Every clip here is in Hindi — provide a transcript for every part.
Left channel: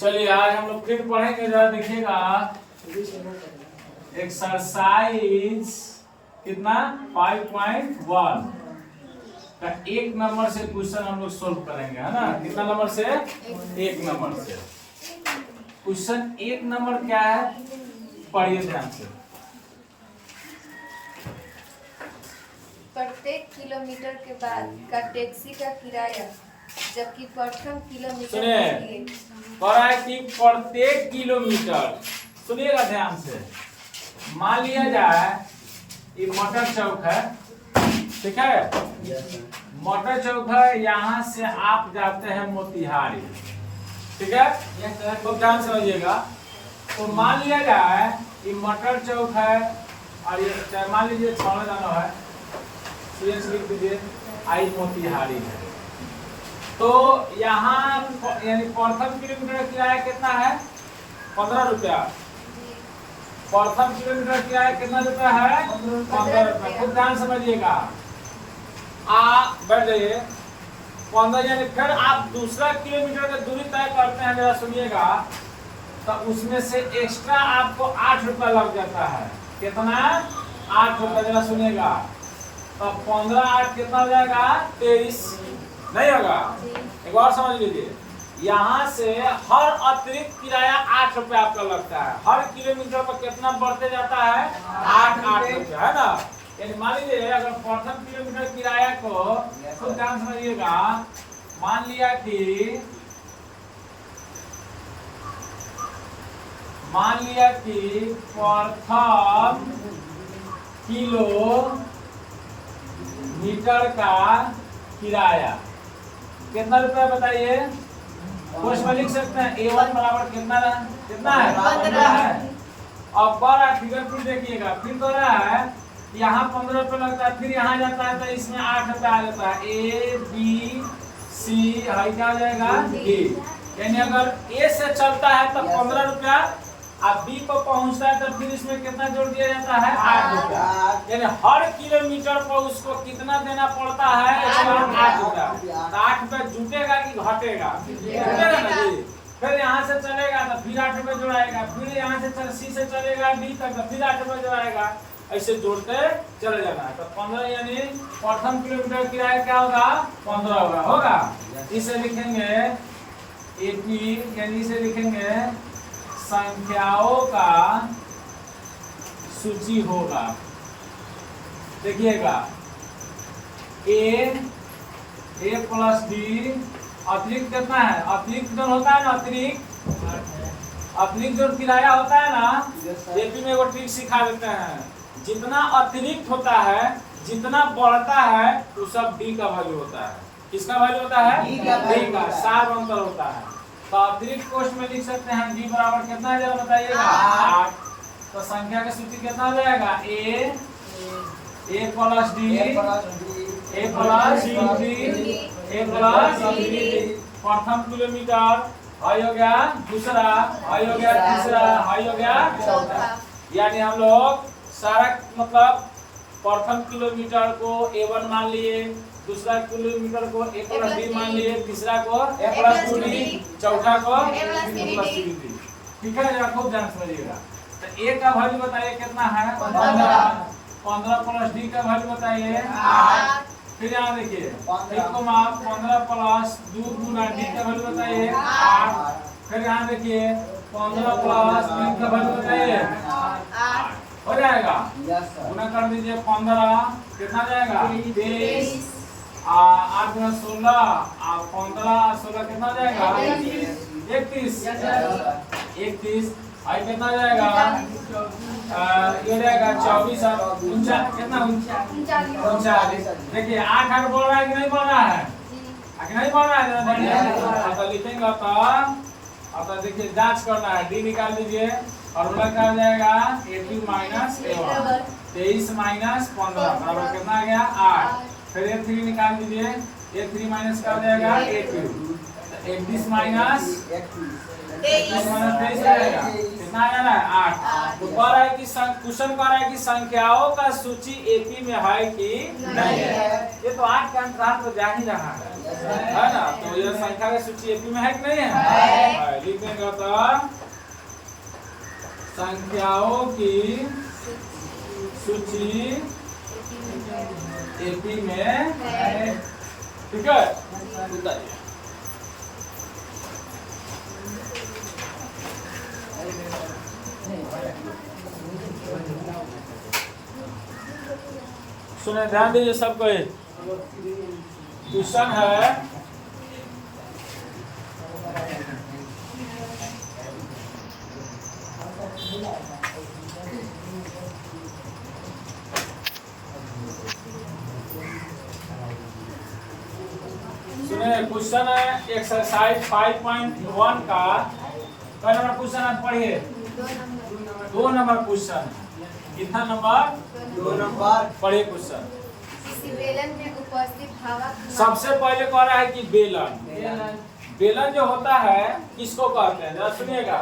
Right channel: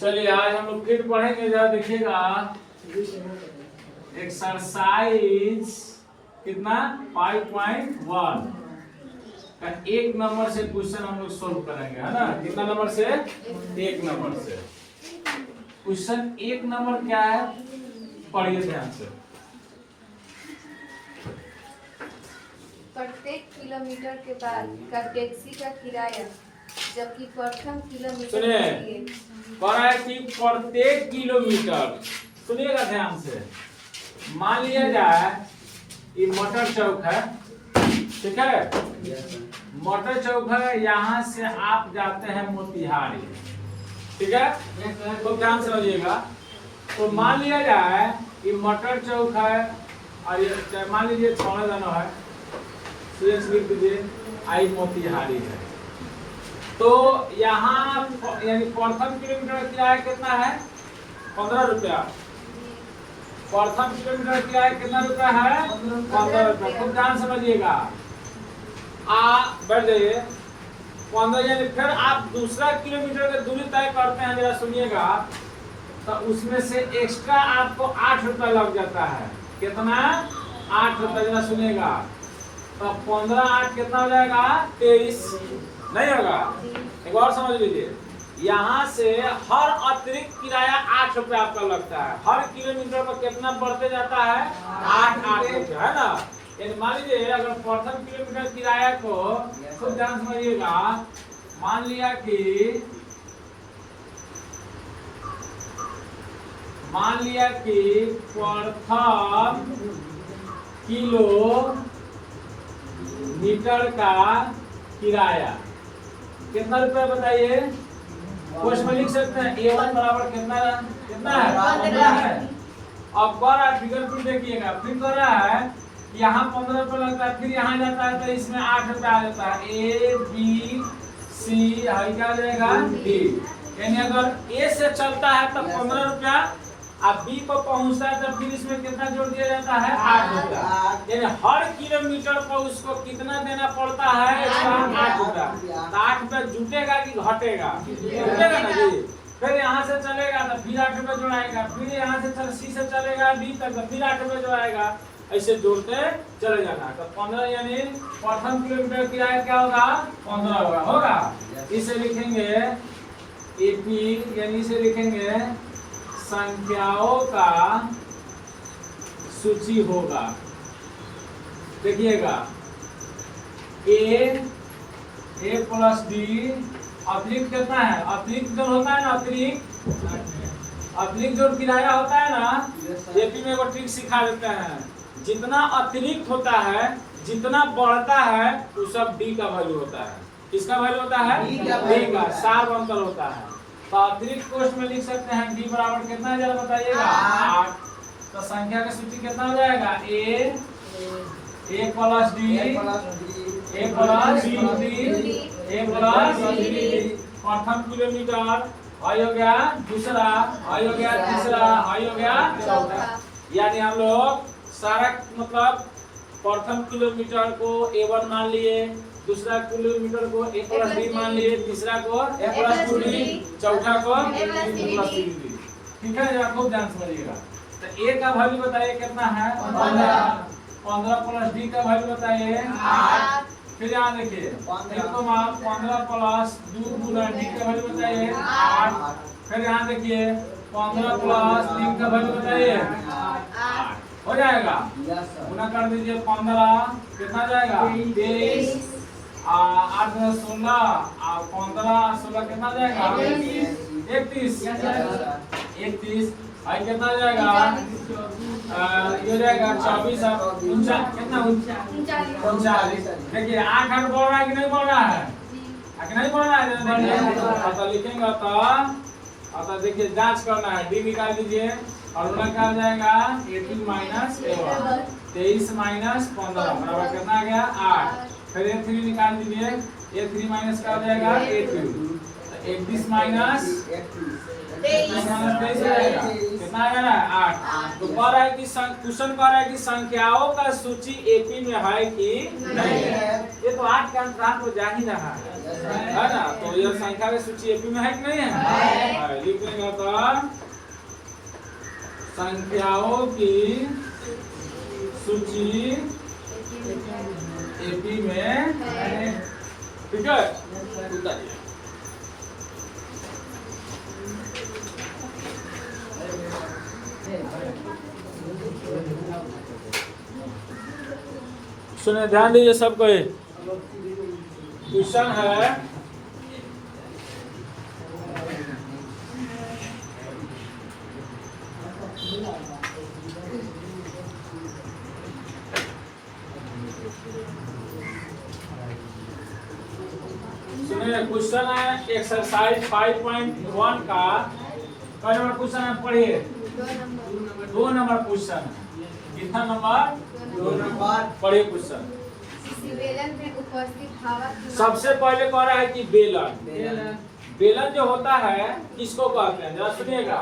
चलिए आज हम लोग फिर पढ़ेंगे, जरा देखिएगा एक्सरसाइज कितना 5.1 का 1 नंबर से क्वेश्चन हम लोग सोल्व करेंगे, है ना। कितना नंबर से? 1 नंबर से। क्वेश्चन 1 नंबर क्या है, पढ़िए ध्यान से। प्रत्येक किलोमीटर के बाद का टैक्सी का किराया जबकि प्रथम किलोमीटर सुनिए, कह रहा है कि प्रत्येक किलोमीटर, सुनिएगा ध्यान से। मान लिया जाए ये मटर चौक है, ठीक है। मटर चौक है, यहाँ से आप जाते हैं मोतिहारी, ठीक है। तो ध्यान समझिएगा। तो मान लिया जाए ये मटर चौक है और ये मान लीजिए छौड़ा जाना है, लिख दीजिए आई मोतिहारी है। तो यहाँ यानी प्रथम किलोमीटर किराया कितना है? 15 रुपया। प्रथम किलोमीटर किराया कितना रुपया है? 15 रुपया। खुद ध्यान समझिएगा। बढ़ जाइए 15, यानी फिर आप दूसरा किलोमीटर की दूरी तय करते हैं, जरा सुनिएगा। तो उसमें से एक्स्ट्रा आपको 8 रुपया लग जाता है। कितना? 8 रुपया। जरा सुनिएगा। तो 15 8 कितना हो जाएगा? 23 नहीं होगा? एक बार समझ लीजिए, यहाँ से हर अतिरिक्त किराया 8 रुपया आपका लगता है। हर किलोमीटर पर कितना बढ़ते जाता है? 8 रुपया, है ना। यानी मान लीजिए अगर प्रथम किलोमीटर किराया को खुद ध्यान समझिएगा, मान लिया कि प्रथम किलोमीटर का किराया कितना रुपया बताइए? क्वेश्चन में लिख सकते हैं A1 बराबर कितना है? 15 है। अब बड़ा फिगर फिर देखिएगा, फिर तो रहा है यहाँ 15 रुपये लगता है, फिर यहाँ जाता है तो इसमें 8 रुपया आ जाता है। A B C हाई क्या आ जाएगा? D। यानी अगर A से चलता है तो 15 रुपया, अब B पर पहुंचता है तो फिर इसमें कितना जोड़ दिया जाता है? 8 रुपया। यानी हर किलोमीटर पर उसको कितना देना पड़ता है? 8 रुपया। तो 8 रुपया जुटेगा कि घटेगा? जुटेगा ना जी। फिर यहाँ से चलेगा तो फिर 8 रुपया जोड़ाएगा, फिर यहाँ से C से चलेगा D तक तो फिर 8 रुपया जोड़ाएगा, ऐसे जोड़ते चले जाना है। तो 15 यानी प्रथम किलोमीटर किराया क्या होगा? 15 होगा। इसे लिखेंगे 80, यानी इसे लिखेंगे संख्याओं का सूची होगा। देखिएगा A प्लस D अतिरिक्त कितना है? अतिरिक्त जो होता है ना, अतिरिक्त जो किराया होता है ना, एपी में वो ट्रिक सिखा देते हैं। जितना अतिरिक्त होता है, जितना बढ़ता है, वो सब D का वैल्यू होता है। किसका वैल्यू होता है? D का। सार अंतर होता है। तो अतिरिक्त कोष्ठ में लिख सकते हैं D बराबर कितना है, जरा बताइएगा? 8। तो संख्या का सूची कितना हो जाएगा? A प्लस D प्रथम किलोमीटर, हाई हो गया दूसरा, हाई हो गया तीसरा, हाई हो गया चौथा। यानी हम लोग सारा मतलब प्रथम किलोमीटर को A1 मान लिए, दूसरा किलोमीटर को A प्लस D मान लिए, तीसरा को A प्लस 2D, चौथा को A प्लस 3D। ठीक है, जरा खूब ध्यान समझिएगा। तो A का वैल्यू बताइए कितना है? 15 प्लस D का वैल्यू बताइए 8। फिर यहाँ देखिए 15 प्लस 2 गुना D का वैल्यू बताइए 8। फिर यहाँ देखिए 15 प्लस 3 का वैल्यू बताइए 8। हो जाएगा? गुना कर दीजिए 15 कितना जाएगा? 23। 8 × 16 और 15 16 कितना जाएगा? 31। भाई कितना जाएगा? ये जाएगा 24 और 39 कितना? 39। देखिए 8 8 बढ़ रहा है कि नहीं बढ़ रहा है? कि नहीं बढ़ रहा है? देखिए तो लिखेंगे तो देखिए जांच करना है। D निकाल दीजिए और उनका क्या हो जाएगा? A2 minus A1। 23 माइनस 15 बराबर कितना आ गया? 8। फिर A3 निकाल दीजिए। A3 माइनस क्या हो जाएगा? A2। 31 माइनस 23 रहेगा। कितना आ रहा है 8। तो कह रहा है कि क्वेश्चन कह रहा है कि संख्याओं का सूची एपी में है कि नहीं है। ये तो 8 के अंतराल तो जा ही रहा है ना। तो यह संख्या की सूची एपी में है कि नहीं है? लिख देंगे तो संख्याओं की सूची एपी में है। ठीक है, उतारिए। सुने, ध्यान दीजिए सबको। क्वेश्चन है क्वेश्चन है एक्सरसाइज 5.1 का कई नंबर क्वेश्चन है पढ़िए। 2 नंबर क्वेश्चन है। कितना नंबर? 2 नंबर। पढ़िए क्वेश्चन। बेलन में उपस्थित हवा सबसे पहले कह रहा है कि बेलन जो होता है किसको कहते हैं, जरा सुनिएगा,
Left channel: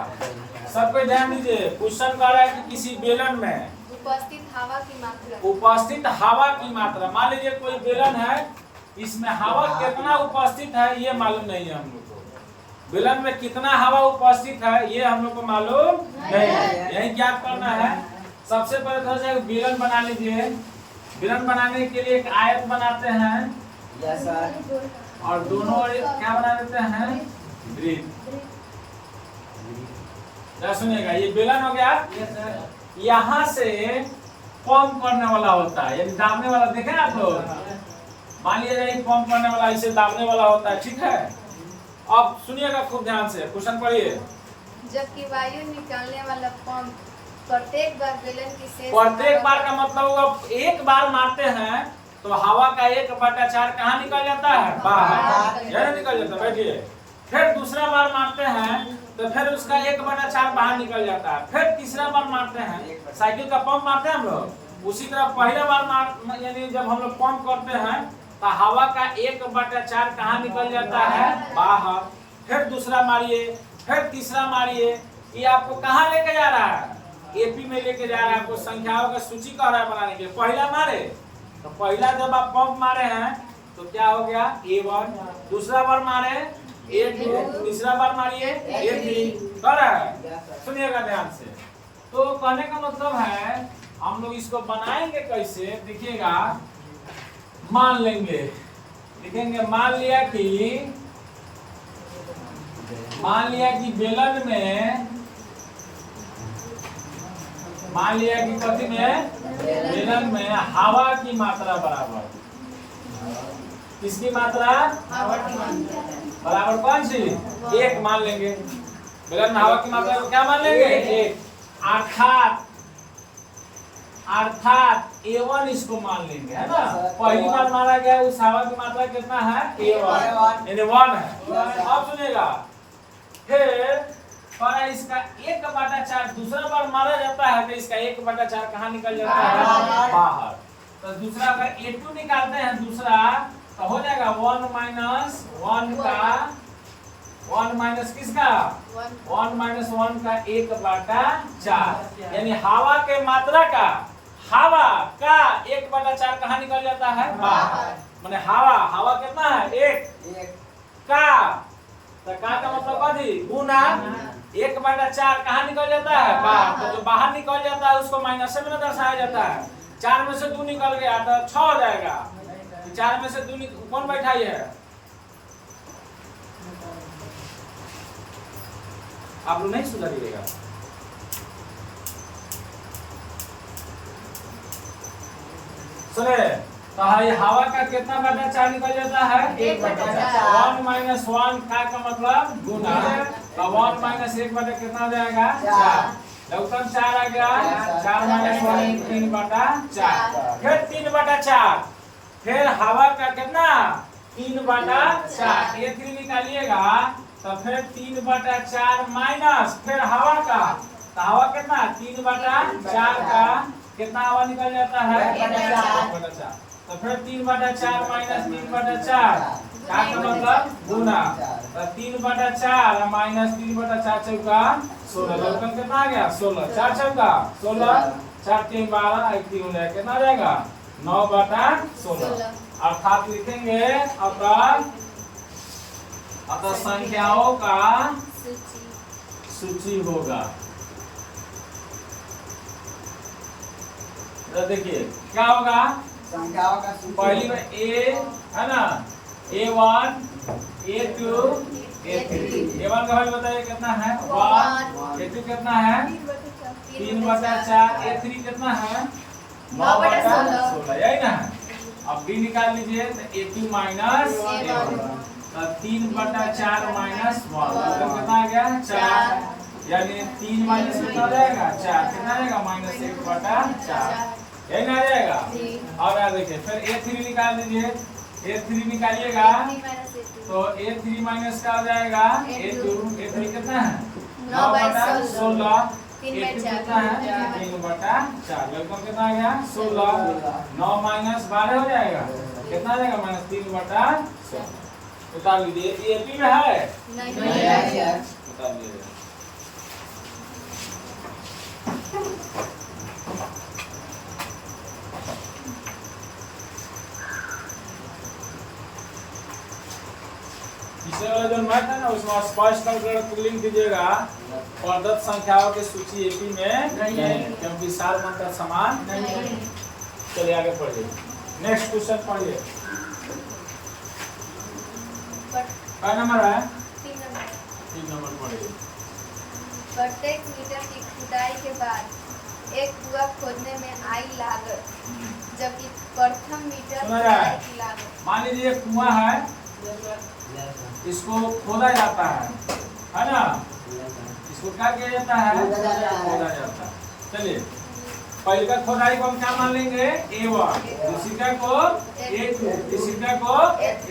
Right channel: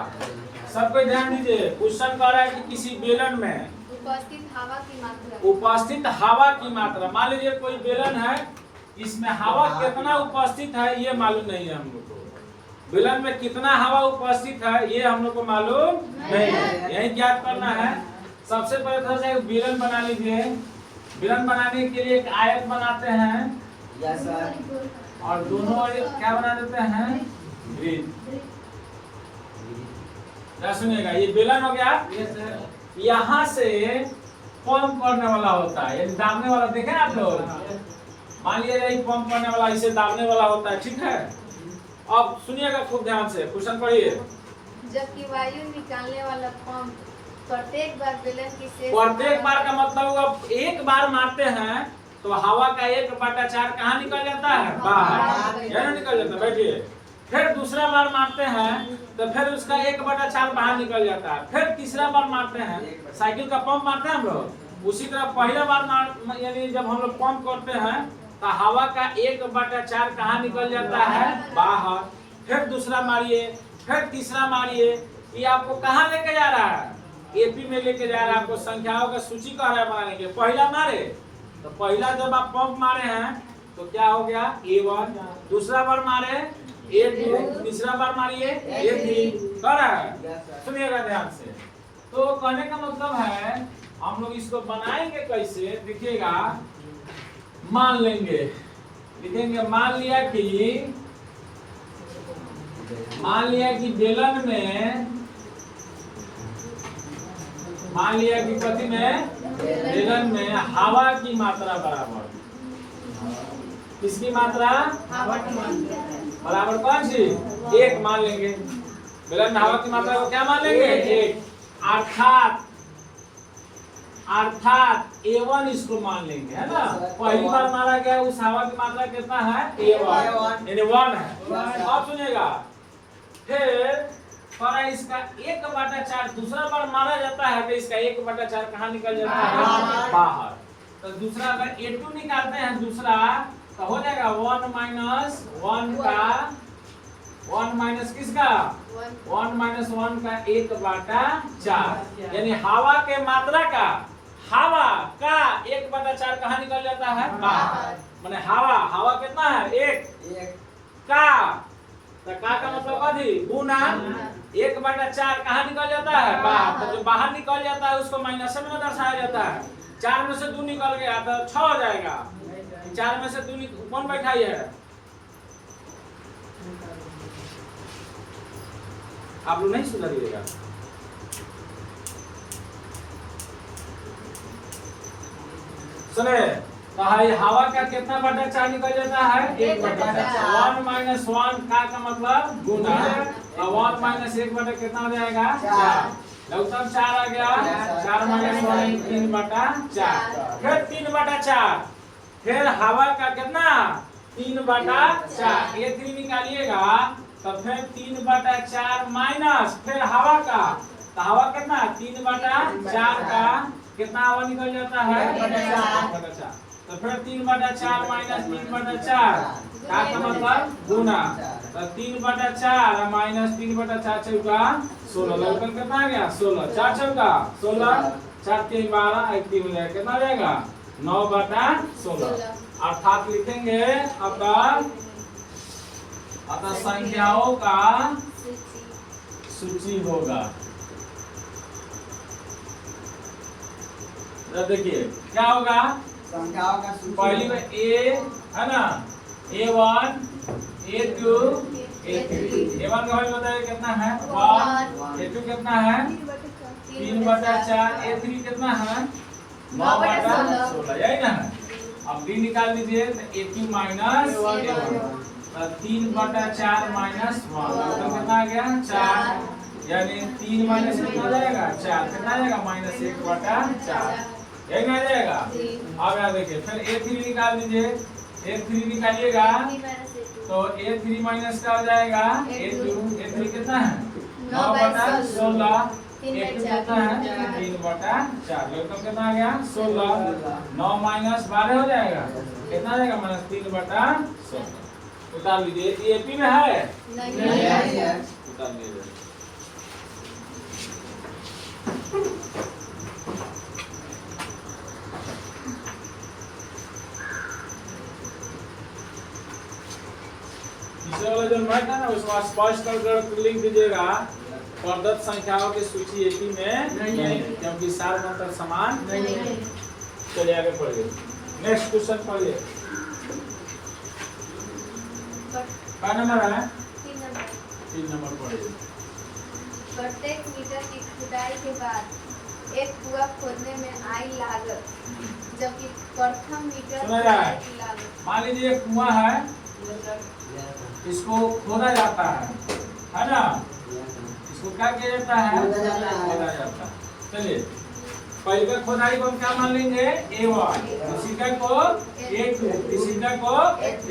सब पे ध्यान दीजिए। क्वेश्चन कह रहा है कि किसी बेलन में उपस्थित हवा की मात्रा, उपस्थित हवा की मात्रा। मान लीजिए कोई बेलन है, इसमें हवा कितना उपस्थित है ये मालूम नहीं है हम लोग को। बेलन में कितना हवा उपस्थित है ये हम लोग को मालूम नहीं है, यही ज्ञात करना है। सबसे पहले थोड़ा सा बेलन बना लीजिए। बेलन बनाने के लिए एक आयत बनाते हैं, यस सर, और दोनों ओर क्या बना देते हैं, वृत्त। क्या सुनिएगा, ये बेलन हो गया। यहाँ से पंप करने वाला होता है, यानी दाबने वाला। देखें आप लोग, मान लीजिए ये पंप करने वाला इसे दाबने वाला होता है, ठीक है। अब सुनिएगा खूब ध्यान से, क्वेश्चन पढ़िए। जबकि वायु निकालने वाला पंप प्रत्येक बार बेलन की शेष, प्रत्येक बार का मतलब होगा एक बार मारते हैं तो हवा का 1/4 कहाँ निकल जाता है, बाहर। यह निकल जाता है, बैठिए। फिर दूसरा बार मारते हैं तो फिर उसका 1/4 बाहर निकल जाता है। फिर तीसरा बार मारते हैं, साइकिल का पंप मारते हैं हम लोग, उसी तरह पहला बार यानी जब हम लोग पंप करते हैं तो हवा का 1/4 कहाँ निकल जाता है, बाहर। फिर दूसरा मारिए, फिर तीसरा मारिए। ये आपको कहाँ लेके जा रहा है, एपी में लेके जा रहा है। आपको संख्याओं का सूची कह रहा है बनाने के। पहला मारे तो पहला जब आप पंप मारे हैं तो क्या हो गया, A1। दूसरा बार मारे A2, तीसरा बार मारिए A3। कर रहा है, सुनिएगा ध्यान से। तो कहने का मतलब है हम लोग इसको बनाएंगे कैसे, देखिएगा। मान लेंगे, लिखेंगे, मान लिया कि बेलन में, मान लिया कि कथी में, बेलन में हवा की मात्रा बराबर, किसकी मात्रा, बराबर कौन सी, 1 मान लेंगे। बेलन में हवा की मात्रा को क्या मान लेंगे, 1। अर्थात A1 इसको मान लेंगे, है ना। पहली बार मारा गया उस हवा की मात्रा कितना है, A1 यानी 1 है। अब सुनिएगा, फिर इसका 1/4 दूसरा बार मारा जाता है तो इसका 1/4 कहाँ निकल जाता है, बाहर। तो दूसरा अगर A2 निकालते हैं दूसरा तो हो जाएगा 1 - 1 का 1 माइनस किसका, 1 - 1 का 1/4, यानी हवा के मात्रा का, हवा का 1/4 कहाँ निकल जाता है, बाहर। माने हवा कितना है, 1 का, तो का मतलब कथी, गुना 1/4 कहाँ निकल जाता है, बाहर। तो जो बाहर निकल जाता है उसको माइनस में दर्शाया जाता है। 4 में से 2 निकल गया तो 6 हो जाएगा। 4 में से 2 कौन बैठाई है, आप लोग नहीं सुधरिएगा। सुने, तो हवा का कितना 1/4 निकल जाता है, 1/4। 1 - 1 का मतलब गुना, तो 1 - 1 कितना हो जाएगा, 4। लघुत्तम 4 आ गया, 4 - 1 3/4। फिर 3/4, फिर हवा का कितना, 3/4। A3 निकालिएगा तो फिर 3/4 माइनस फिर हवा का, तो हवा कितना, 3/4 का कितना हवा निकल जाता है, 1/4। तो फिर 3/4 माइनस 3/4 का मतलब गुना। तो 3/4 माइनस 3/4 चौका 16, लघुगण कितना आ गया 16, 4 चौका 16, 4 3 12, 1 3 हो जाएगा, कितना आ जाएगा 9/16। अर्थात लिखेंगे अतः संख्याओं का सूची होगा। तो देखिए क्या होगा, संख्याओं का सूची पहली में ए है ना, A1 A2 A3, A1 का वैल्यू बताइए कितना है 1, A2 कितना है 3/4, A3 कितना है 9/16, यही ना है। अब B निकाल लीजिए, तो A2 माइनस A1, 3/4 माइनस 1, कितना आ गया 4, यानी 3 माइनस कितना हो जाएगा 4, कितना आ जाएगा -1/4, यही ना आ जाएगा। अब यहाँ देखिए फिर A3 निकाल लीजिए, A3 निकालिएगा तो A3 माइनस का हो जाएगा A2, A3 कितना है 9/16, A2 कितना है 3/4, लगभग कितना आ गया 16, 9 माइनस 12 हो जाएगा, कितना आ जाएगा -3/16। उतार लीजिए, AP में है नहीं है। उतार लीजिए। पिछले वाला जो मैथ है ना उसमें स्पष्ट कर लिख दीजिएगा, प्रदत्त संख्याओं की सूची एपी में नहीं है, क्योंकि सार मंत्र समान नहीं है। चलिए आगे पढ़िए, नेक्स्ट क्वेश्चन पढ़िए। क्या नंबर है 3 नंबर पढ़िए। प्रत्येक मीटर की खुदाई के बाद एक कुआं खोदने में आई लागत, जबकि प्रथम मीटर सुना जाए। खुदाई की लागत। मान लीजिए एक कुआं है, इसको खोदा जाता है ना, इसको क्या किया जाता है खोदा जाता है। चलिए पहले का खोदाई को हम क्या मान लेंगे A1, दूसरी को A2, तीसरी को A3।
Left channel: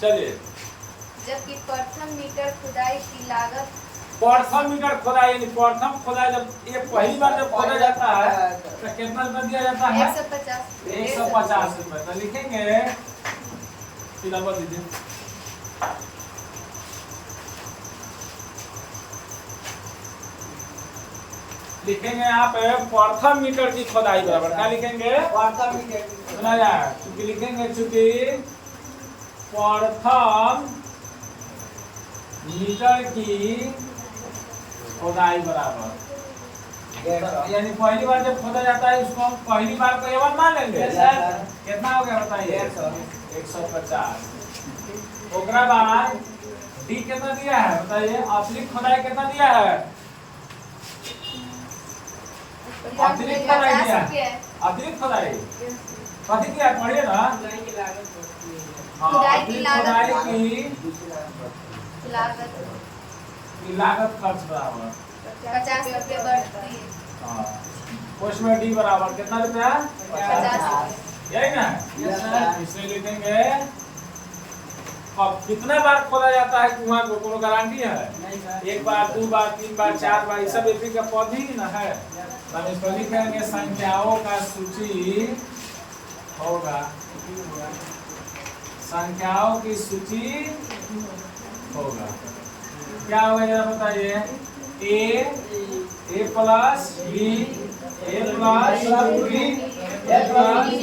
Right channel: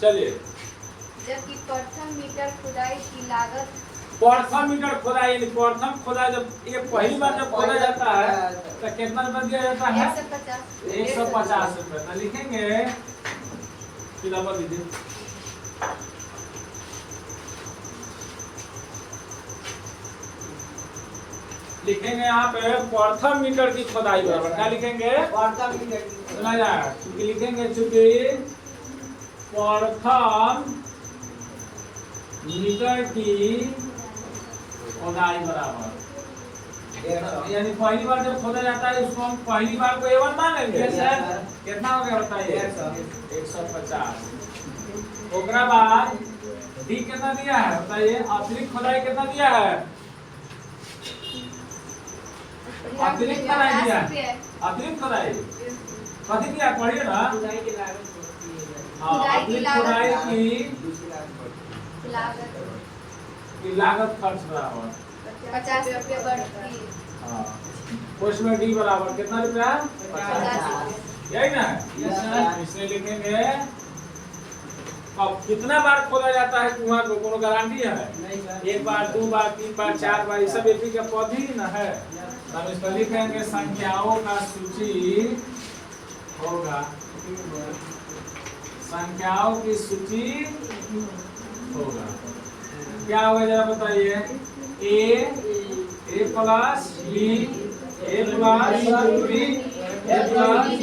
चलिए जबकि प्रथम मीटर खुदाई की लागत प्रथम मीटर खोदाई, यानी प्रथम खोदाई जब ये पहली बार जब खोदा जाता है तो कितना रुपया दिया जाता है 150 रुपए। तो लिखेंगे कि नंबर दीजिए, लिखेंगे यहाँ पे प्रथम मीटर की खोदाई बराबर क्या लिखेंगे सुना जाए, क्योंकि लिखेंगे चूंकि प्रथम मीटर की खोदाई बराबर, यानी पहली बार जब खोदा जाता है उसको हम पहली बार को A1 मान लेंगे। कितना हो गया बताइए 150। ओकरा बाद डी कितना दिया है बताइए, अतिरिक्त खोदाई कितना दिया है, अतिरिक्त खोदाई दिया है, अतिरिक्त खोदाई कथी दिया पढ़िए ना, हाँ अतिरिक्त खोदाई की लागत खर्च बराबर 50 रुपये बढ़ती है। हाँ, उसमें डी बराबर कितना रुपया 50, यही ना, इसमें लिखेंगे। अब कितना बार खोला जाता है कुआं को कोनो गारंटी है, एक बार 2 बार 3 बार 4 बार, ये सब एपी का पद ही ना है। हम इसको लिखेंगे संख्याओं का सूची होगा, संख्याओं की सूची होगा। क्या होगा जरा बताइए, A plus B, A plus B, A plus B।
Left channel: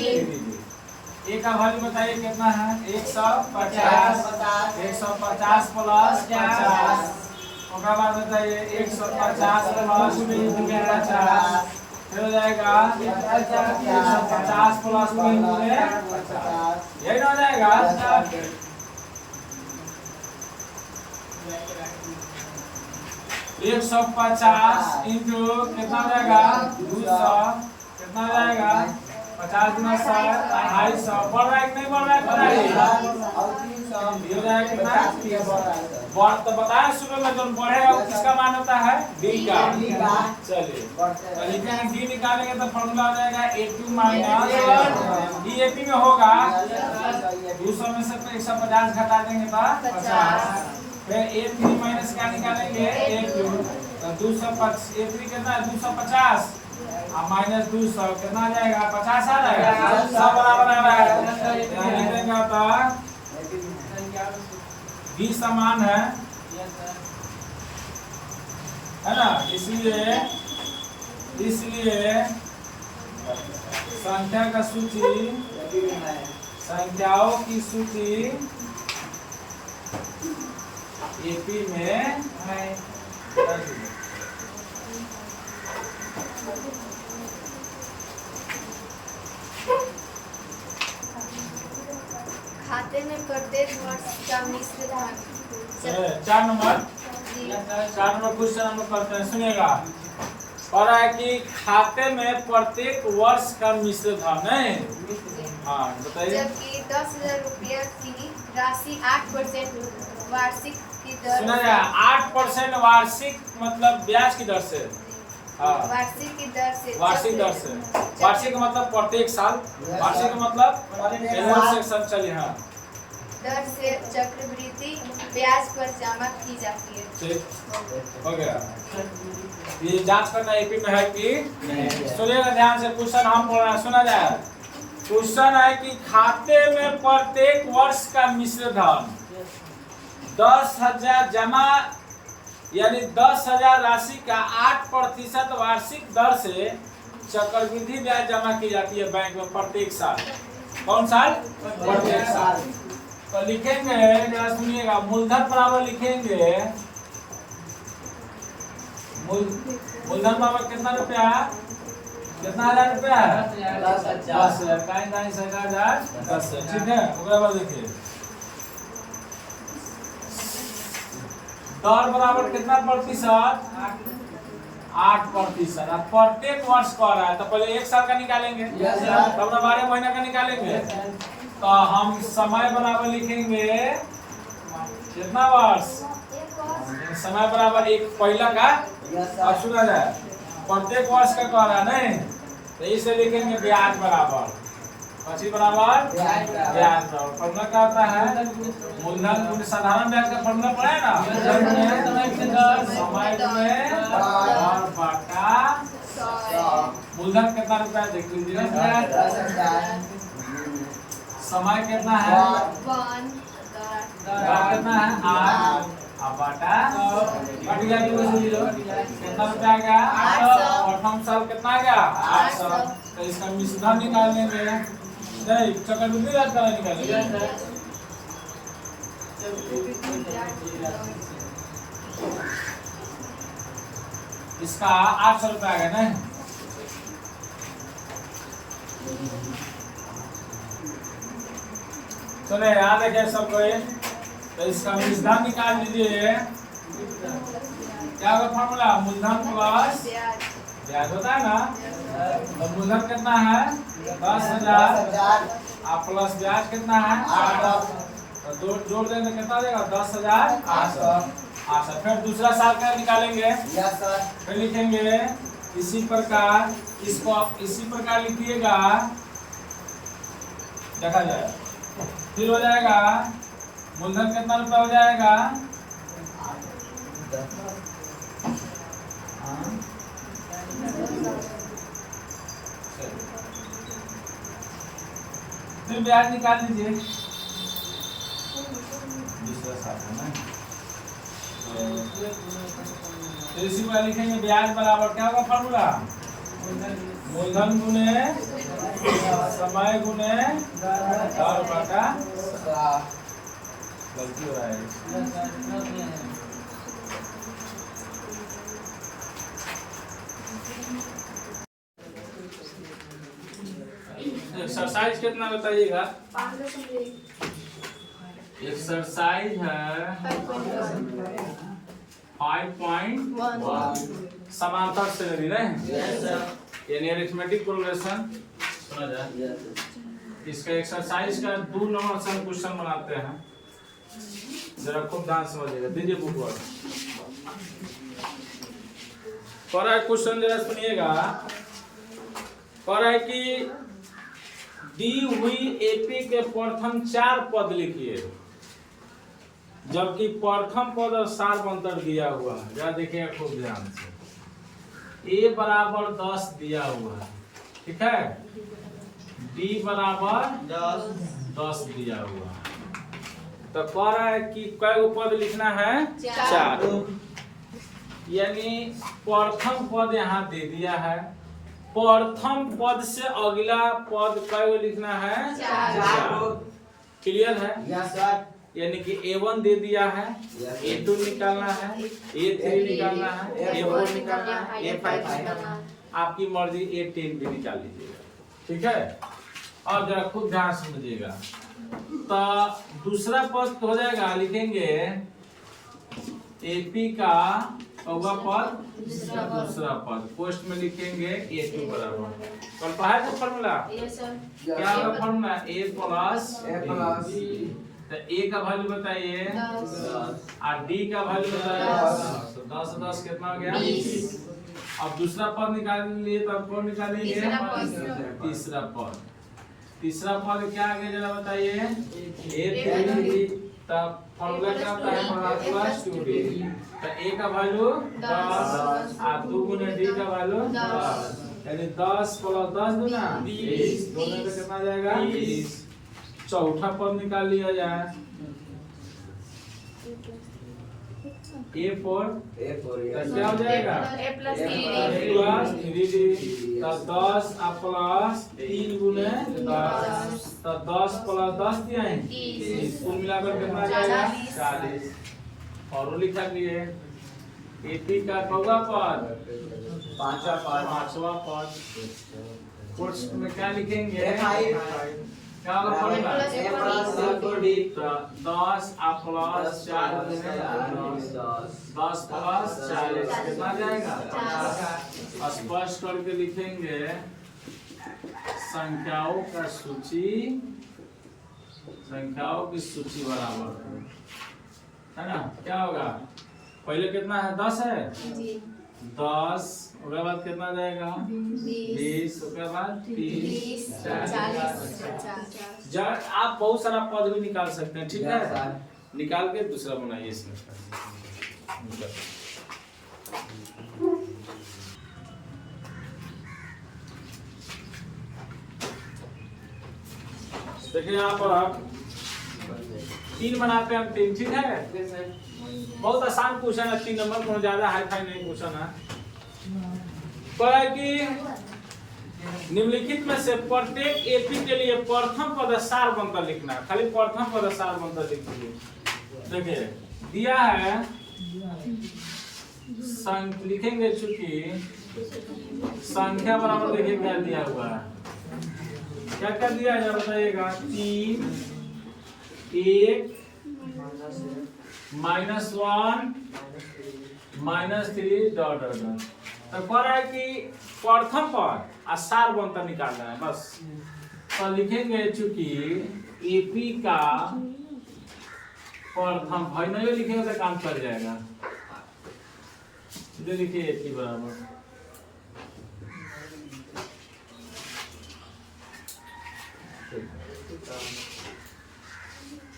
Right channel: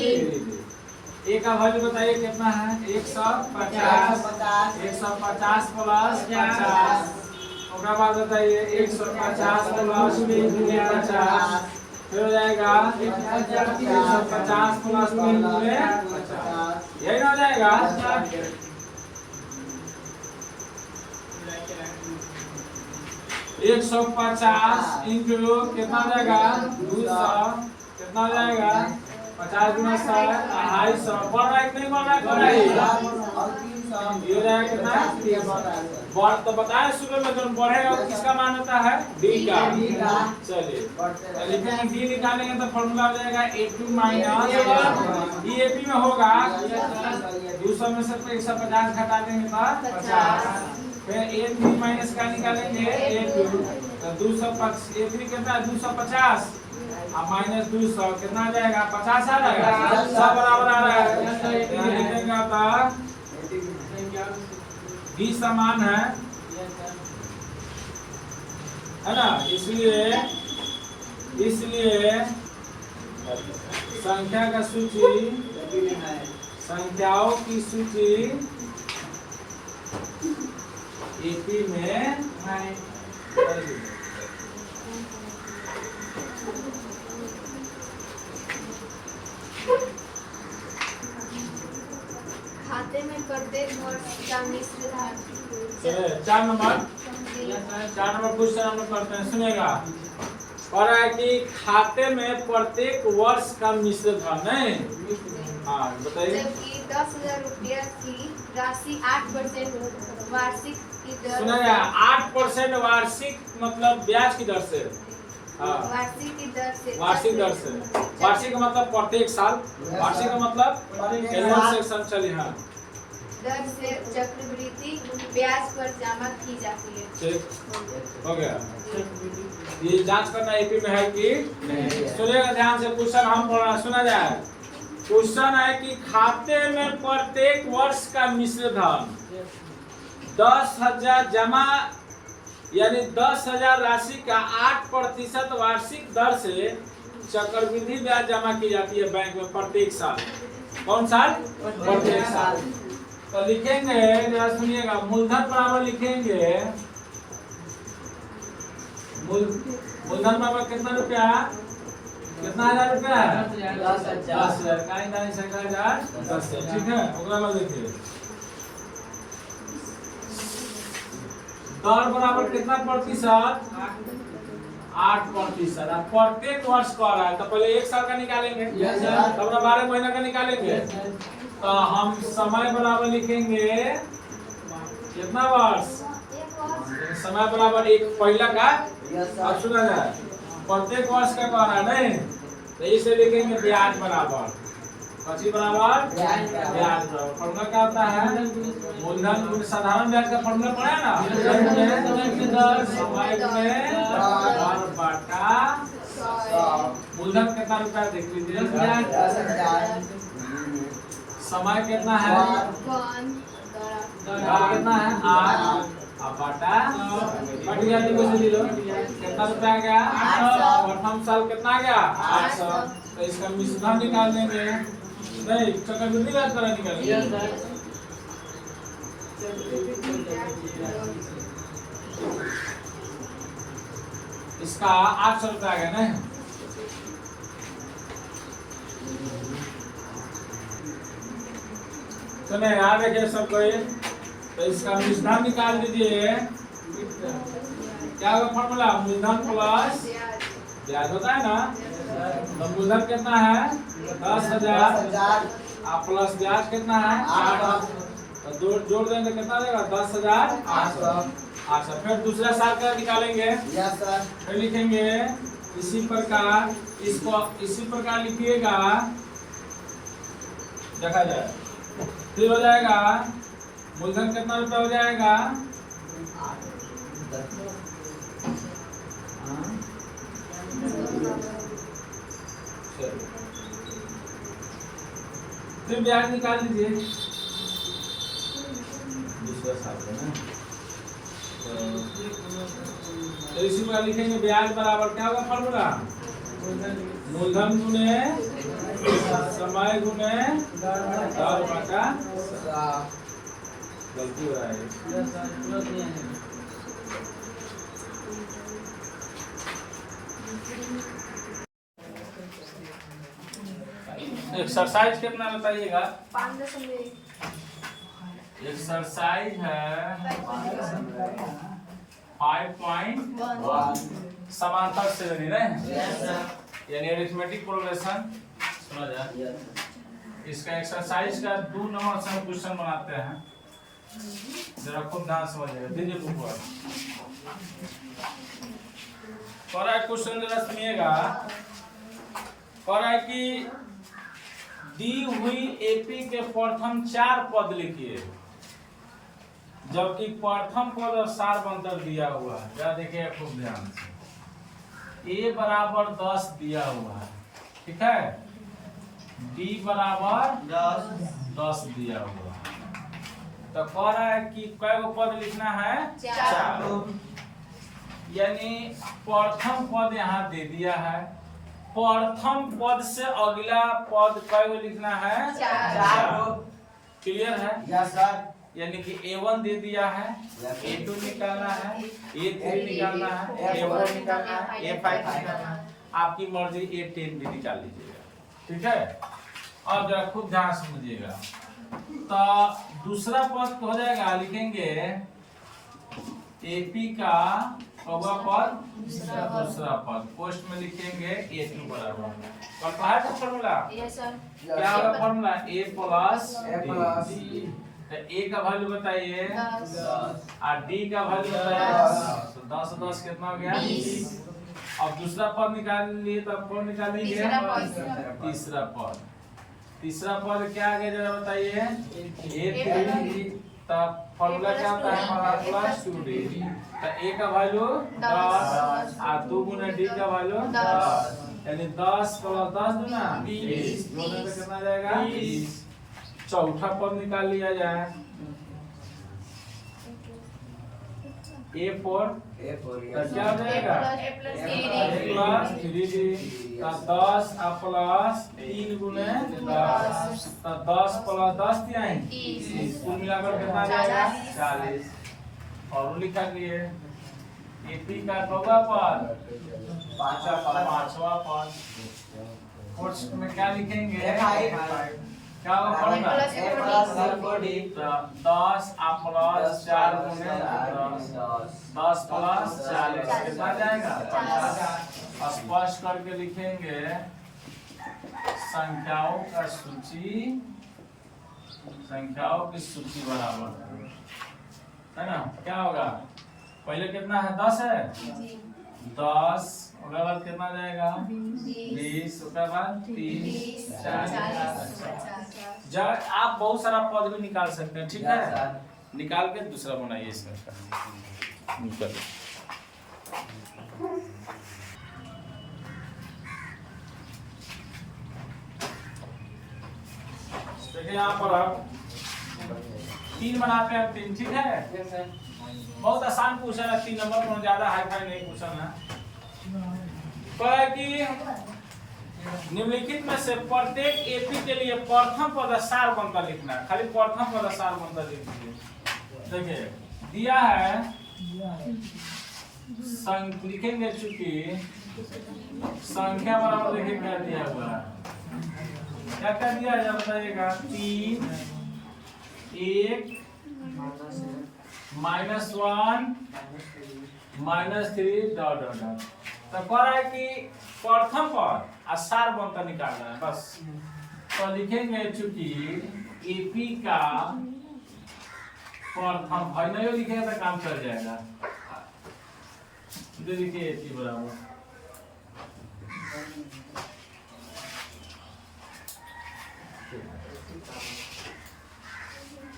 A का वैल्यू बताइए कितना है 150, 150 प्लस 50, उसका बाद बताइए 150 प्लस 50, फिर हो जाएगा 150 प्लस 50, यही ना हो जाएगा। 150 इंटू कितना हो जाएगा 200, कितना हो जाएगा 50 गुना 100 250, बढ़ रहा है कि नहीं बढ़ रहा है, बढ़ रहा है, ये हो जाएगा कितना बढ़, तो बताया सुबह में जो बढ़ेगा वो किसका मान होता है डी का। चलिए तो लिखेंगे डी निकालेंगे तो फॉर्मूला हो जाएगा A2 माइनस ई एपी में होगा 200 में से 150 घटा देंगे तो 50, फिर A3 माइनस का निकालेंगे A2 तो 250, A3 कितना है 250 और माइनस 200 कितना आ जाएगा 50 आ जाएगा, सब बराबर आ रहा है। लिखेंगे तो डी समान है ना, इसलिए संख्या का सूची, संख्याओं की सूची एपी में है। खाते में प्रत्येक वर्ष का मिश्र धन। 4 नंबर क्वेश्चन हम लोग करते हैं, सुनेगा। और है कि खाते में प्रत्येक वर्ष का मिश्र धन है। हाँ बताइए। जबकि 10,000 रुपया की राशि 8% वार्षिक की दर सुना जाए 8% वार्षिक मतलब ब्याज की दर से। हाँ वार्षिक की दर से वार्षिक दर से। वार्षिक का मतलब प्रत्येक साल, वार्षिक का मतलब एनुअल सेक्शन चलिए। हाँ दर से चक्रवृद्धि ब्याज पर जमा की जाती है। ठीक हो गया। ये जांच करना एपी में है कि सुनिएगा ध्यान से, क्वेश्चन हम पढ़ रहे हैं, सुना जाए। क्वेश्चन है कि खाते में प्रत्येक वर्ष का मिश्र धन 10,000 जमा यानी 10,000 राशि का 8% वार्षिक दर से चक्रवृद्धि ब्याज जमा की जाती है बैंक में प्रत्येक साल। कौन साल? प्रत्येक साल। तो लिखेंगे, जरा सुनिएगा, मूलधन बराबर लिखेंगे, मूलधन बराबर कितना रुपया, कितना 1,000 रुपया है? 10,000 का 10,000 ठीक है। उसके बाद देखिए दर बराबर कितना प्रतिशत? 8%। अब प्रत्येक वर्ष कर रहा है तो पहले 1 साल का निकालेंगे, तब 12 महीना का निकालेंगे। तो हम समय बराबर लिखेंगे कितना वर्ष? समय बराबर 1 पहला का। अब सुना जाए प्रत्येक वर्ष का कह रहा नहीं, तो इसे लिखेंगे ब्याज बराबर, पची बराबर ब्याज बराबर। फॉर्मूला क्या होता है? मूलधन साधारण ब्याज का फॉर्मूला पढ़ा है ना, समय में दर बटा मूलधन कितना रुपया देख लीजिए, 10,000 समय कितना है, दर कितना है 8 अब बटा कट गया, कितना रुपया आ गया 800। प्रथम साल कितना आ गया 800। तो इसका मिश्रधन निकाल देंगे, नहीं चक्रवृद्धि ब्याज का निकालेंगे। इसका 800 रुपया आ गया ना। चले याद रखे सब कोई। तो इसका मिश्रधन निकाल दीजिए, क्या होगा फॉर्मूला? मूलधन प्लस ब्याज होता है ना। तो मूलधन कितना है 10,000 और प्लस ब्याज कितना है 800। तो जोड़ देंगे कितना देगा 10,800। फिर दूसरा साल का निकालेंगे, फिर लिखेंगे इसी प्रकार, इसको इसी प्रकार लिखिएगा, देखा जाए। फिर हो जाएगा मूलधन कितना रुपया हो जाएगा, फिर ब्याज निकाल दीजिए दूसरा साल है ना। तो इसी को लिखेंगे ब्याज बराबर क्या होगा फॉर्मूला? मूलधन गुने समय गुने दर बटा, गलती हो रहा है। एक्सरसाइज कितना बताइएगा? एक्सरसाइज है 5.1 समांतर श्रेणी नहीं, यानी अरिथमेटिक कोरिलेशन। सुना जाए इसका एक्सरसाइज का 2 नंबर से हम क्वेश्चन बनाते हैं, जरा खूब ध्यान समझिएगा। दीजिए बुक पर क्वेश्चन जरा सुनिएगा। पर है कि दी हुई एपी के प्रथम 4 पद लिखिए, जबकि प्रथम पद और सार्वंतर दिया हुआ है। जरा देखिए खूब ध्यान से, ए बराबर 10 दिया हुआ है, ठीक है, डी बराबर 10 दिया हुआ है। तो तो कह रहा है कि कै गो पद लिखना है? 4। यानी प्रथम पद यहाँ दे दिया है, प्रथम पद से अगला पद कै गो लिखना है? 4। क्लियर है? Yes sir. यानी कि A1 दे दिया है, A2 निकालना है, A3 निकालना है, A4 निकालना है, A5 निकालना है, आपकी मर्जी A10 भी निकाल लीजिएगा। ठीक है, और जरा खूब ध्यान समझिएगा। तो दूसरा पद हो जाएगा, लिखेंगे AP का होगा पद दूसरा पद, पोस्ट में लिखेंगे A2 बराबर, कल पढ़ाए था फॉर्मूला? क्या होगा फॉर्मूला? A प्लस तो A का वैल्यू बताइए, और D का वैल्यू बताइए। तो 10 10 कितना हो गया? 20। अब दूसरा पद निकाल लिए, तो अब कौन निकालेंगे? तीसरा पद। तीसरा पद क्या आ गया जरा बताइए? A3। तब फॉर्मूला क्या होता है? Plus 2D। तो A का वैल्यू 10 और 2 गुना D का वैल्यू 10, यानी 10 प्लस 10 दूना 20, दोनों में कितना जाएगा? 20। चौथा पद निकाल लिया जाए, A4 तो क्या हो जाएगा? Plus 3D। तो 10 प्लस 3 गुने 10, तो 10 प्लस 10 दिया है 30, कुल मिलाकर कितना आ जाएगा? 40। और लिखा कि AP का कौवा पद? पांचवा पद। पोस्ट में क्या लिखेंगे? क्या होगा फॉर्मूला? तो 10 प्लस 4 गुने 10 प्लस 40 कितना जाएगा? 50। स्पष्ट करके लिखेंगे संख्याओं का सूची, संख्याओं की सूची बराबर है ना? क्या होगा? पहले कितना है? 10 है, 10 उसके बाद कितना जाएगा? 20 उसके बाद 30 40। जब आप बहुत सारा पद भी निकाल सकते हैं, ठीक है? निकाल के दूसरा बनाइए इसमें। देखिए यहाँ पर आप 3 बनाते हैं, 3 ठीक है? बहुत आसान क्वेश्चन है, 3 नंबर को ज्यादा हाई फाई नहीं क्वेश्चन है। तो है कि निम्नलिखित में से प्रत्येक एपी के लिए प्रथम पद सार बनता लिखना है, खाली प्रथम पद सार बनता लिखिए। देखिए दिया है, लिखेंगे चूंकि संख्या बराबर, देखिए क्या दिया हुआ है, क्या क्या दिया है बताइएगा? 3 1 -1 -3 डॉट डॉट डॉट। तो कह रहा है कि प्रथम पद सार बनता निकालना है बस। तो लिखेंगे चूंकि एपी का प्रथम भाई नहीं लिखेंगे तो काम चल जाएगा। इधर लिखिए एपी बराबर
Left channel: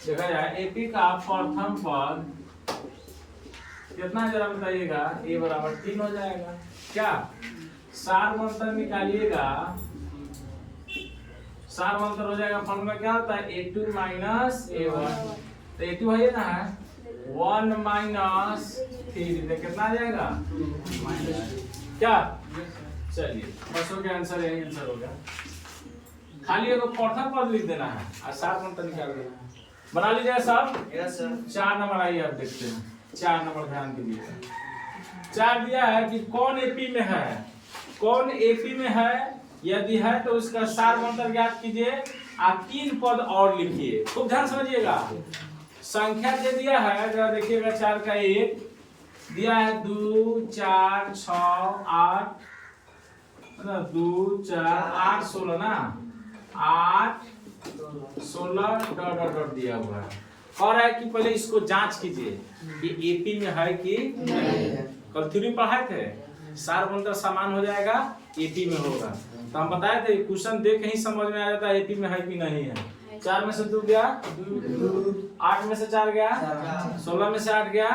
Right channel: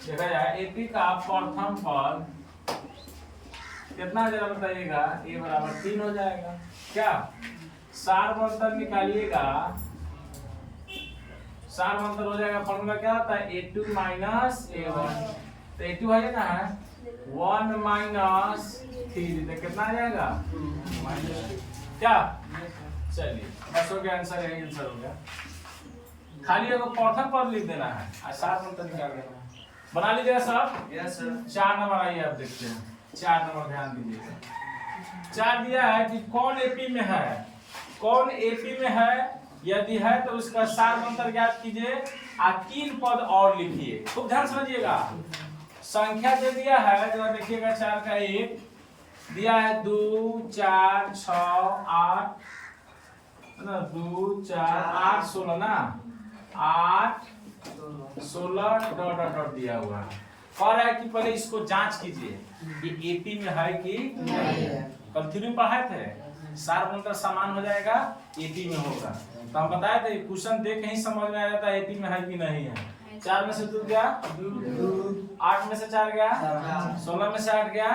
देखा जाए एपी का प्रथम पद कितना जरा बताइएगा? ए बराबर 3 हो जाएगा। क्या सार मंतर निकालिएगा? सार मंतर हो जाएगा, फॉर्मूला क्या होता है? A2 minus A1। तो A2 है ना 1 माइनस 3, तो कितना आ जाएगा? क्या? चलिए बस हो गया, आंसर यही आंसर हो गया। खाली एगो प्रथम पद लिख देना है और सार मंतर निकाल देना है। बना लीजिएगा सब। 4 नंबर आइए, आप देखते हैं 4 नंबर, ध्यान दीजिएगा। 4 दिया है कि कौन एपी में है, कौन एपी में है, यदि है तो उसका सार मंत्र ज्ञात कीजिए और 3 पद और लिखिए। खूब ध्यान समझिएगा। संख्या दे दिया है, जरा देखिएगा 4 का 1 दिया है, 2 4 6 8 ना, 2 4 8 16 ना, 8 16 डॉट डॉट डॉट दिया हुआ है। और है कि पहले इसको जांच कीजिए कि एपी में है कि नहीं है। कल थ्योरी में पढ़ाए थे, सार मंत्र समान हो जाएगा, एपी में होगा। तो हम बताए थे क्वेश्चन देख ही समझ में आ जाता है एपी में है कि नहीं है। 4 में से 2 गया, 8 में से 4 गया, 16 में से 8 गया।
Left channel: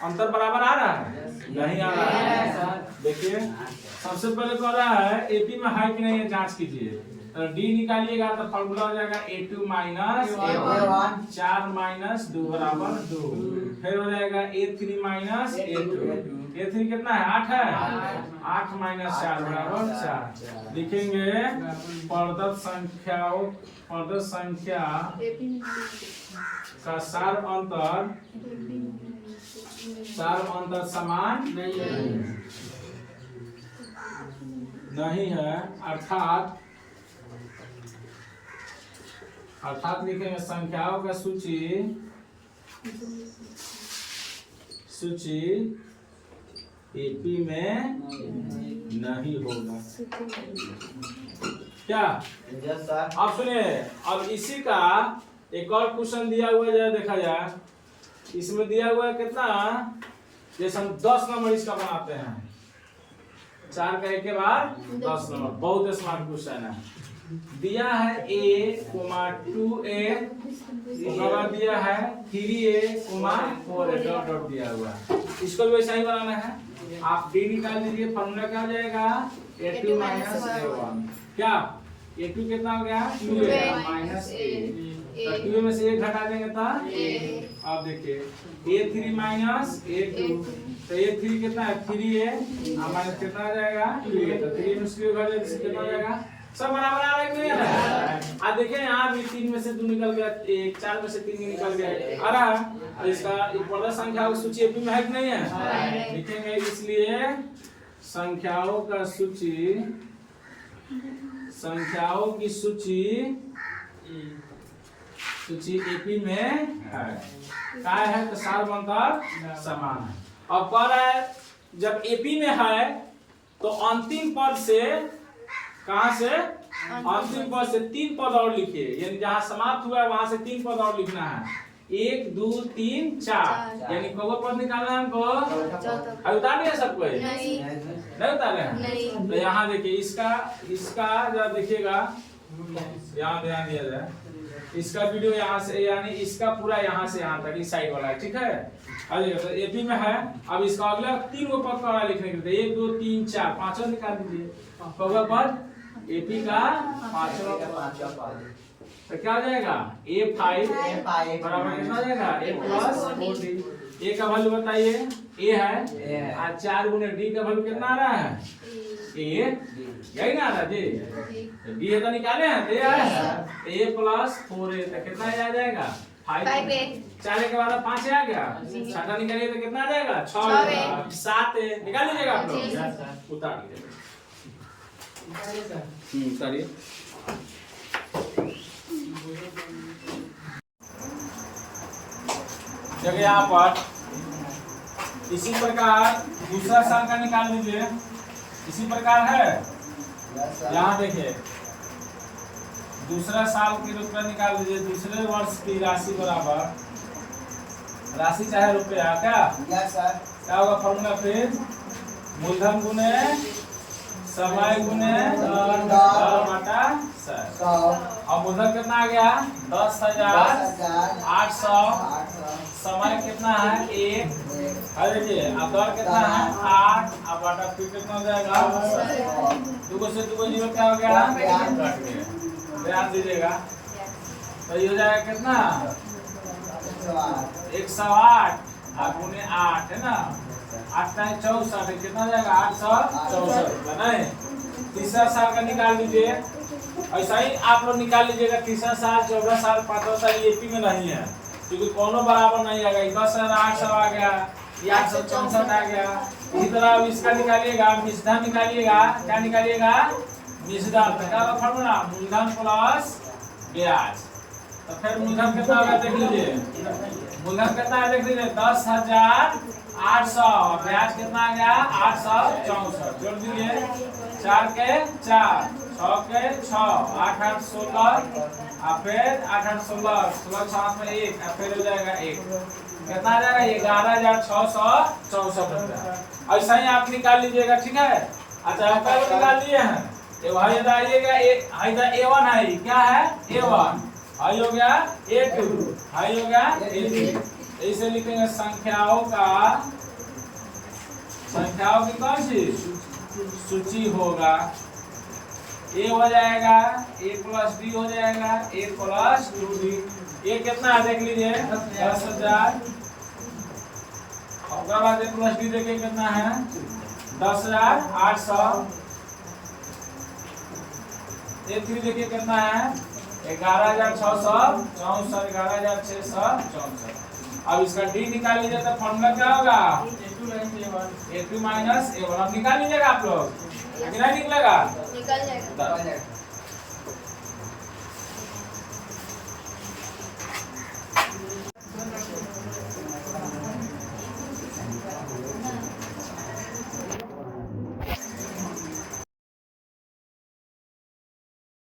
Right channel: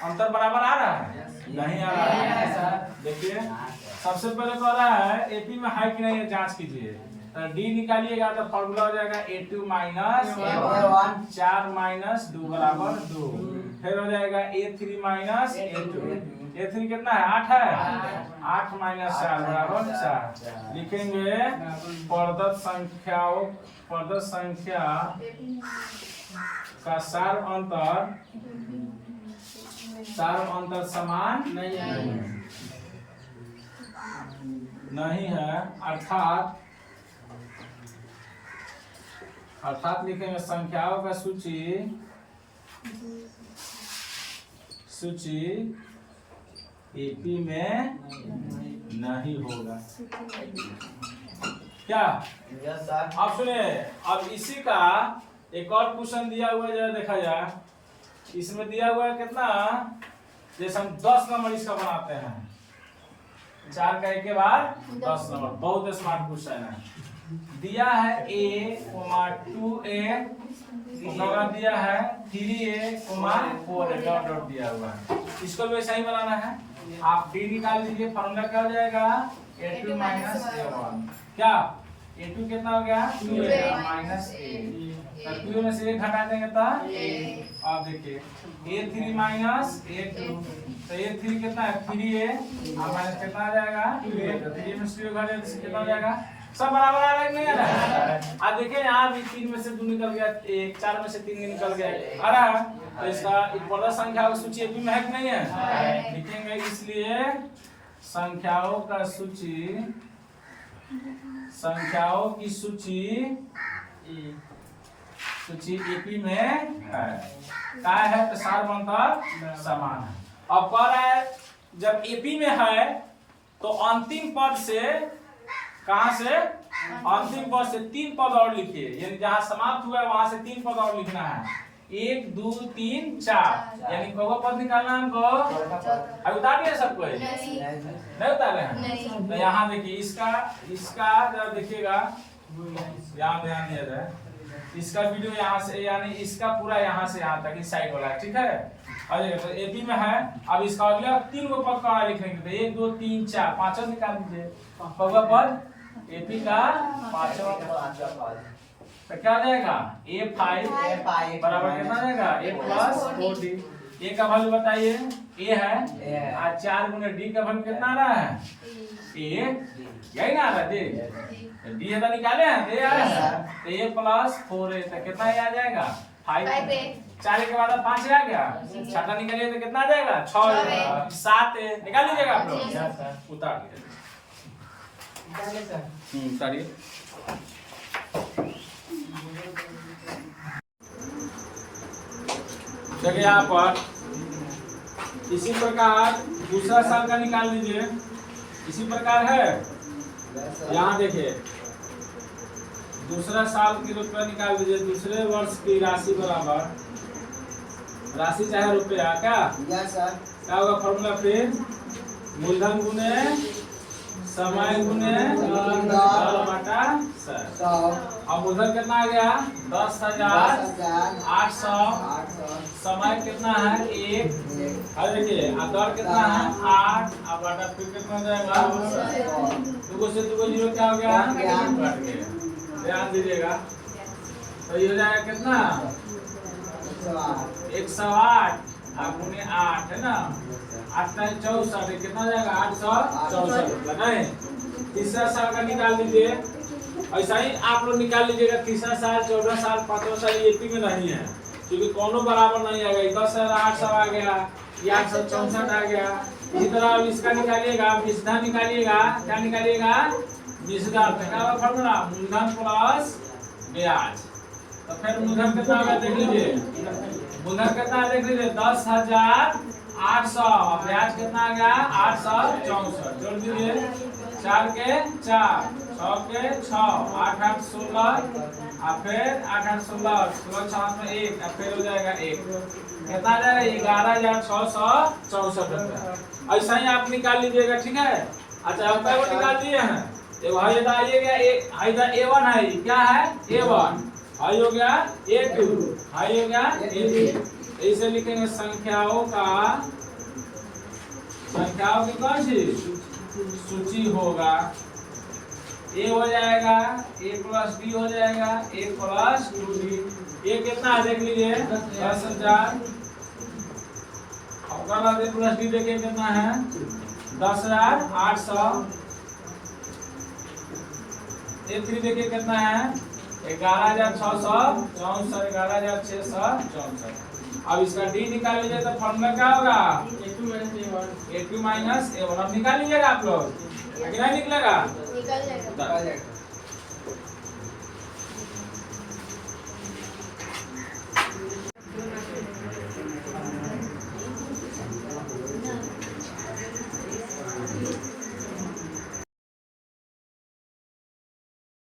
अंतर बराबर आ रहा है? नहीं आ रहा है। देखिए सबसे पहले कह रहा है एपी में है कि नहीं है, जांच कीजिए। तो डी निकालिएगा तो फॉर्मूला हो जाएगा A2 माइनस A1, 4 माइनस 2 बराबर 2। फिर हो जाएगा A3 माइनस A2, A3 कितना है 8 है, 8 माइनस 4 बराबर 4। लिखेंगे प्रदत्त संख्या का सार अंतर समान नहीं है, अर्थात लिखेंगे संख्याओं का सूची एपी में नहीं होगा। क्या यस सर। अब सुनिए, अब इसी का एक और क्वेश्चन दिया हुआ है, जरा देखा जाए। इसमें दिया हुआ है कितना, जैसे हम 10 नंबर इसका बनाते हैं, 4 का एक के बाद 10 नंबर, बहुत स्मार्ट क्वेश्चन है। दिया है A, 2A, दिया है 3A, 4A, डॉट डॉट दिया हुआ है। इसको भी वैसा ही बनाना है। आप D निकाल दीजिए, फॉर्मूला क्या हो जाएगा A2 माइनस A1। क्या A2 कितना हो गया 2A माइनस A, तो 2 में से 1 घटा देंगे तो आप देखिए A3 माइनस A2, तो A3 कितना है 3A माइनस कितना आ जाएगा 2A, तो 3 में से 2 घटा देंगे कितना हो जाएगा, सब बराबर आ रहा है नहीं आ रहा? आज देखिए यहाँ भी 3 में से 2 निकल गया, 4 में से 3 निकल गया, आ रहा है। तो इसका प्रदत्त संख्या की सूची एपी में है कि नहीं है, लिखेंगे इसलिए संख्याओं की सूची एपी में है। क्या है तो सार अंतर समान है। अब कह रहा है जब एपी में है तो अंतिम पद से, कहां से, अंतिम पद से 3 पद और लिखिए, यानी जहां समाप्त हुआ है वहां से 3 पद और लिखना है। 1 2 3 4, यानी कौवा पद निकालना है हमको। अब उतार दिया सबको, नहीं उतारे हैं? तो यहाँ देखिए इसका जब देखिएगा, यहाँ ध्यान दिया जाए, इसका वीडियो यहाँ से, यानी इसका पूरा यहाँ से यहाँ तक इस साइड वाला है, ठीक है। तो एपी में है। अब इसका अगला 3 गो पद का लिखने के लिए 1 2 3 4 5 निकाल दीजिए। कौवा पद एपी का 5 पद, तो क्या हो जाएगा A5 बराबर कितना हो जाएगा A प्लस 4D। A का वैल्यू बताइए, A है, आज 4 गुने D का वैल्यू कितना आ रहा है A, यही ना आ रहा जी, D है तो निकाले हैं, A आ रहा है, A प्लस 4A, तो कितना आ जाएगा 5। 4 के बाद 5 आ गया, 6 निकालिए तो कितना आ जाएगा 6, 7 निकाल लीजिएगा आप लोग, उतार लीजिएगा, उतारिए। देखिए यहाँ पर इसी प्रकार दूसरा साल का निकाल लीजिए, इसी प्रकार है। यहाँ देखिए दूसरा साल की रुपया निकाल दीजिए, दूसरे वर्ष की राशि बराबर, राशि चाहे रुपया, क्या होगा फॉर्मूला, फिर मूलधन गुने समय गुने बटा 100। अब मूलधन कितना आ गया 10,800, समय कितना है 1, देखिए अब दर कितना है 8, अब बटा फिर कितना हो जाएगा 2 से 2 0 क्या हो गया, कट गया। ध्यान दीजिएगा, तो ये हो जाएगा कितना 108 गुने 8 है ना, 8 64, कितना जाएगा 864 नहीं। तीसरा साल का निकाल लीजिए, ऐसा ही आप लोग निकाल लीजिएगा। तीसरा साल 14 साल 15 साल एपी में नहीं है, क्योंकि कोनो बराबर नहीं आ गया। 10,800 आ गया, 864 आ गया। इसी तरह अब इसका निकालिएगा, मिश्रधन निकालिएगा। क्या निकालिएगा मिश्रधन, क्या होगा फॉर्मूला मूलधन प्लस ब्याज। तो फिर मूलधन कितना होगा देख लीजिए, मूलधन कितना है देख लीजिए 10,800, ब्याज कितना आ गया 864, जोड़ दीजिए 4 के 4, 6 के 6, 8 8 16, और फिर 8 8 16, 16 6 में 1, और फिर हो जाएगा 1, कितना आ जाएगा 11,664 रुपया। ऐसा ही आप निकाल लीजिएगा, ठीक है। अच्छा हम क्या निकाल दिए हैं, ये A1 है, क्या है A1, हाई हो गया A2, हाई हो गया A3। इसे लिखेंगे संख्याओं की कौन सी सूची होगा, ए हो जाएगा ए प्लस डी हो जाएगा ए प्लस 2d। ये कितना है देख लीजिए 10,000। और बाद ए प्लस डी देखिए कितना है 10,800। ए 3 देखिए कितना है 11,664 11,664। अब इसका डी निकाल लीजिए तो फॉर्मूला क्या होगा a2 माइनस a1। अब निकाल लीजिएगा आप लोग कि नहीं निकलेगा निकल जाएगा। निकल जाएगा।